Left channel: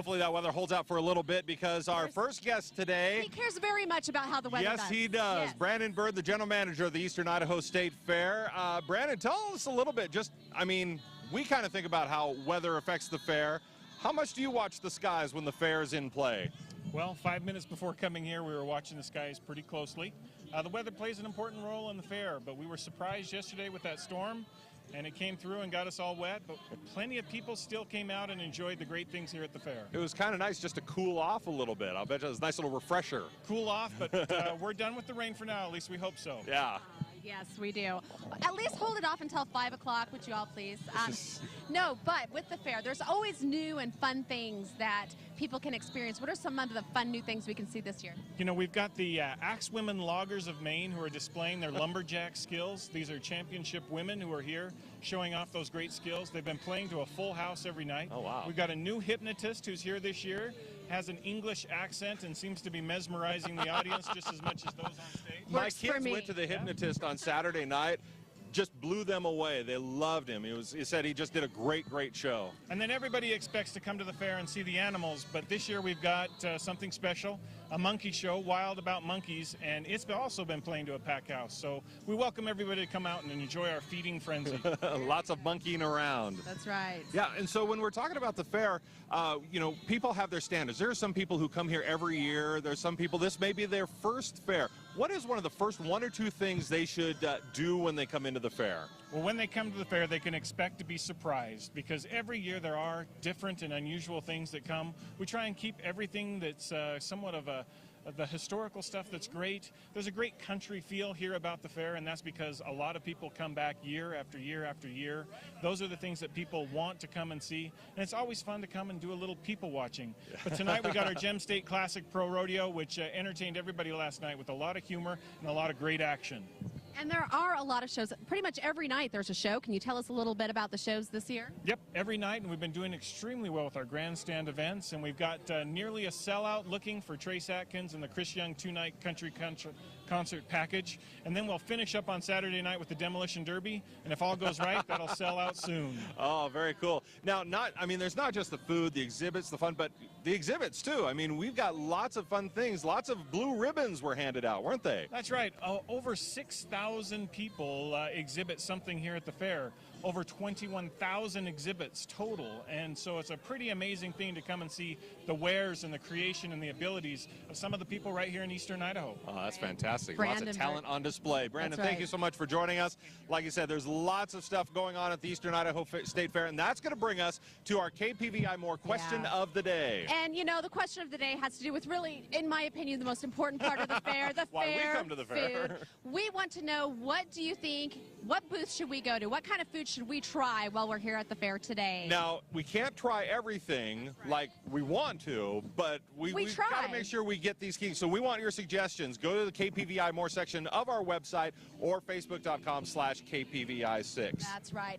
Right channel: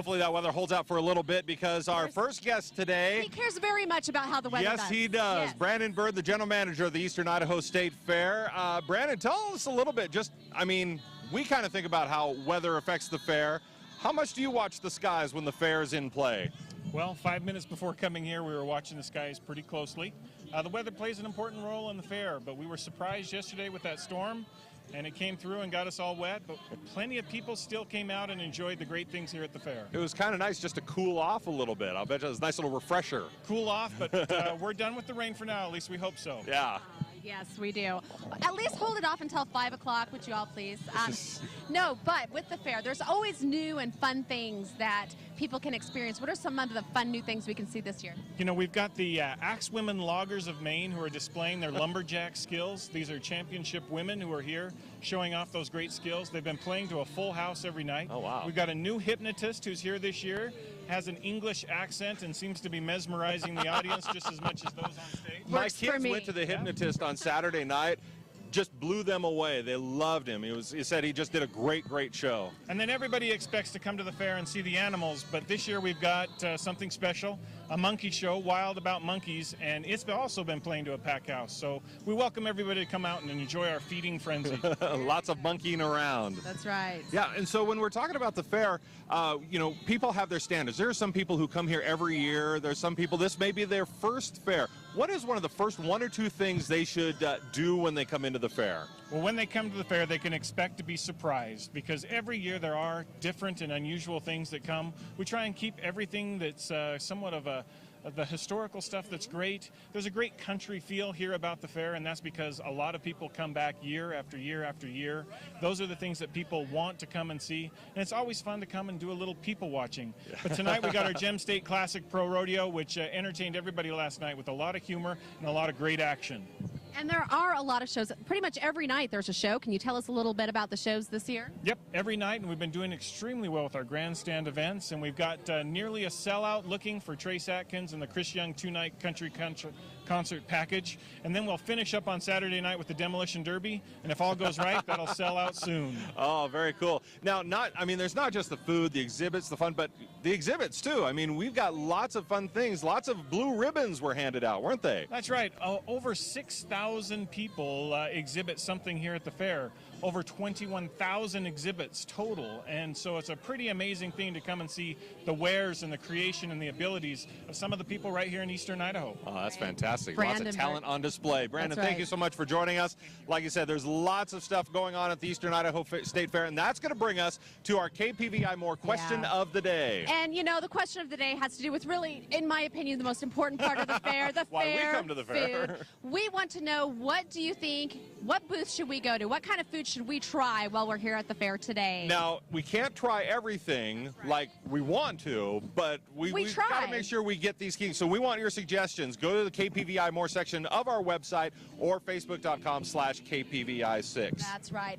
Hopefully that weather holds out for a little bit because our first guest today... He cares very much about how the weather does. Yes, he does. Yes. Brandon Bird, the general manager of the Eastern Idaho State Fair. Brandon, tell us a little bit. We kind of think about how weather affects the fair. How much do you watch the skies when the fair is in play? Well, 5 minutes before coming here, we were watching the skies pretty closely. The weather plays an important role in the fair, but we were surprised yesterday with that storm, and it came through and got us all wet, but plenty of people still came out and enjoyed the great things here at the fair. It was kind of nice just to cool off a little bit. I'll bet you it was a nice little refresher. Cool off, but we're done with the rain for now. At least we hope so. Yeah. Yes, we do. At least hold it off until 5 o'clock, would you all please? No, but with the fair, there's always new and fun things that people can experience. What are some of the fun new things we can see this year? You know, we've got the Axe Women Loggers of Maine who are displaying their lumberjack skills. These are championship women who are here showing off those great skills. They've been playing to a full house every night. Oh, wow. We've got a new hypnotist who's here this year, has an English accent and seems to be mesmerizing the audience just as much as those on stage. My kids went to the hypnotist on Saturday night. Just blew them away. They loved him. He said he just did a great show. And then everybody expects to come to the fair and see the animals, but this year we've got something special, a monkey show, Wild About Monkeys, and it's also been playing to a packed house. So we welcome everybody to come out and enjoy our feeding frenzy. Lots of monkeying around. That's right. Yeah, and so when we're talking about the fair, people have their standards. There are some people who come here every year. There's some people, this may be their first fair. What is one of the first 1 or 2 things they should do when they come into the fair? Well, when they come to the fair, they can expect to be surprised because every year there are different and unusual things that come. We try and keep everything that's somewhat of the historical stuff that's great. There's a great country feel here about the fair, and that's because a lot of people come back year after year after year. Those are the things that people want to come and see, and it's always fun to come and do a little people watching. But tonight we got our Gem State Classic Pro Rodeo, which entertained everybody last night with a lot of humor and a lot of great action. And there are a lot of shows. Pretty much every night there's a show. Can you tell us a little bit about the shows this year? Yep, every night, and we've been doing extremely well with our grandstand events, and we've got nearly a sellout looking for Trace Atkins and the Chris Young 2-night country concert package. And then we'll finish up on Saturday night with the Demolition Derby, and if all goes right, that'll sell out soon. Oh, very cool. Now, there's not just the food, the exhibits, the fun, but the exhibits too. We've got lots of fun things. Lots of blue ribbons were handed out, weren't they? That's right. Over 6,000 people exhibit something here at the fair. Over 21,000 exhibits total, and so it's a pretty amazing thing to come and see the wares and the creation and the abilities of some of the people right here in Eastern Idaho. Oh, that's fantastic. Brandon, lots of talent on display. Brandon, right. Thank you so much for joining us. Like I said, there's lots of stuff going on at the Eastern Idaho State Fair, and that's going to bring us to our KPVI More question of the day. And the question of the day has to do with really, in my opinion, the most important part of the fair, the Why fair we come to the fair. Food. We want to know, what do you think, what booth should we go to? What kind of food should we try while we're here at the fair today? Now, we can't try everything like we want to, but we've got to make sure we get these keys. So we want your suggestions. Go to the KPVI More section of our website or Facebook.com/KPVI6. That's right.